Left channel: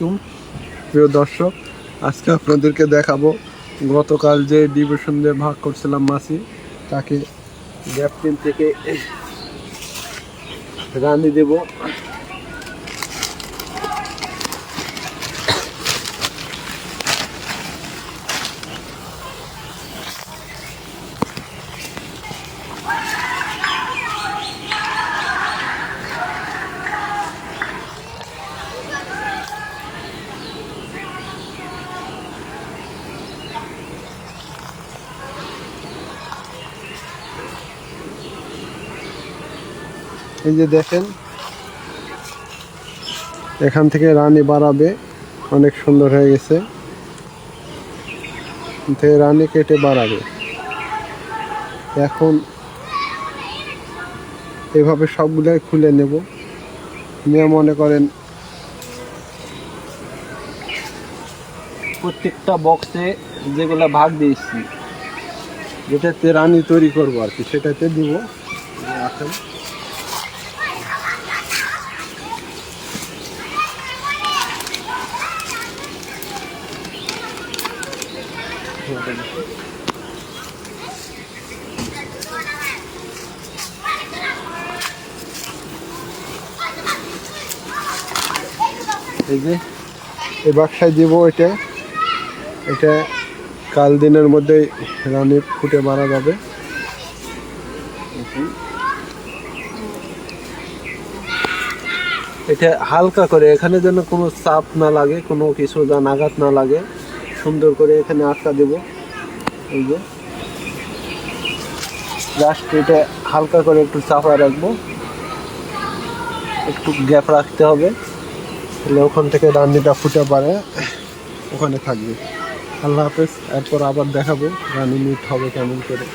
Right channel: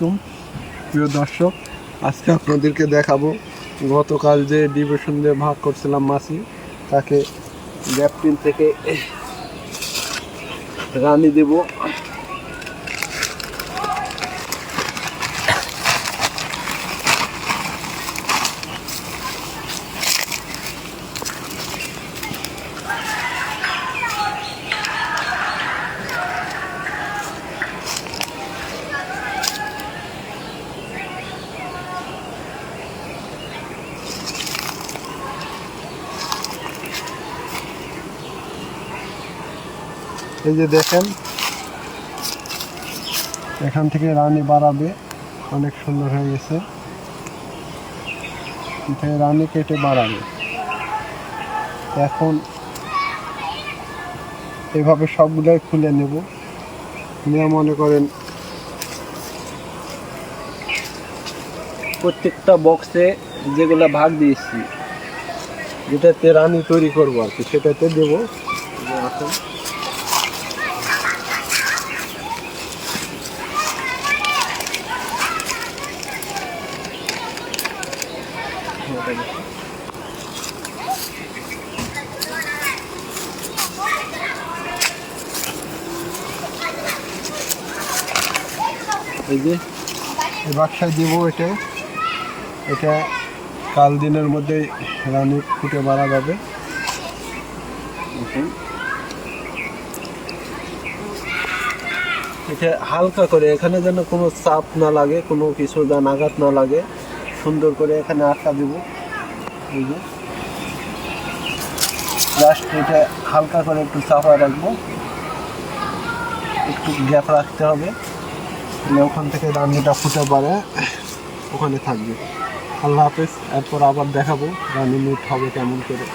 আলাইকুম প্রিয় দর্শক, আজকে আপনাদেরকে দেখাবো গতকাল যে ডিভিশন দিয়ে ভাগ করছিলাম মাছি, তাকে গ্যাপটিন থেকে রানি দেব। এই যে দেখেন, এখান থেকে রানী বাড়াবে, অনেক সুন্দর হয়ে গেছে। থেকে রানী কেটে বাড়াবে। এখন এভাবে সবগুলোই খুলে নেব, নিয়ে মনে করেন প্রত্যেকটা বক্সে যেগুলো ভাগ দিয়েছি, যেটাতে রানী তৈরি করবো আর কি, সেটাতে দেবো। আসুন, এই যে এই বাক্সায় দিব। এটা কাল দিনের মধ্যে রানী ফুটে মারা যাবে। এটা হালকা করে, এখানে যেন কোনো চাপ না লাগে, কোনো কিছু যেন আঘাত না লাগে, সুন্দর করে এখানে আটকা দেব। এই যে জাস্ট এটা হালকা করে একটু চাপা রাখবো, একটু গ্যাপ রাখতে হবে, তাহলে ওখান থেকে রান্নিটা ফুটে পারে ওখানে থাকবে। আল্লাহ হাফেজ। এরপর আবার দেখাবো রানি মিট হবে কেমন করে।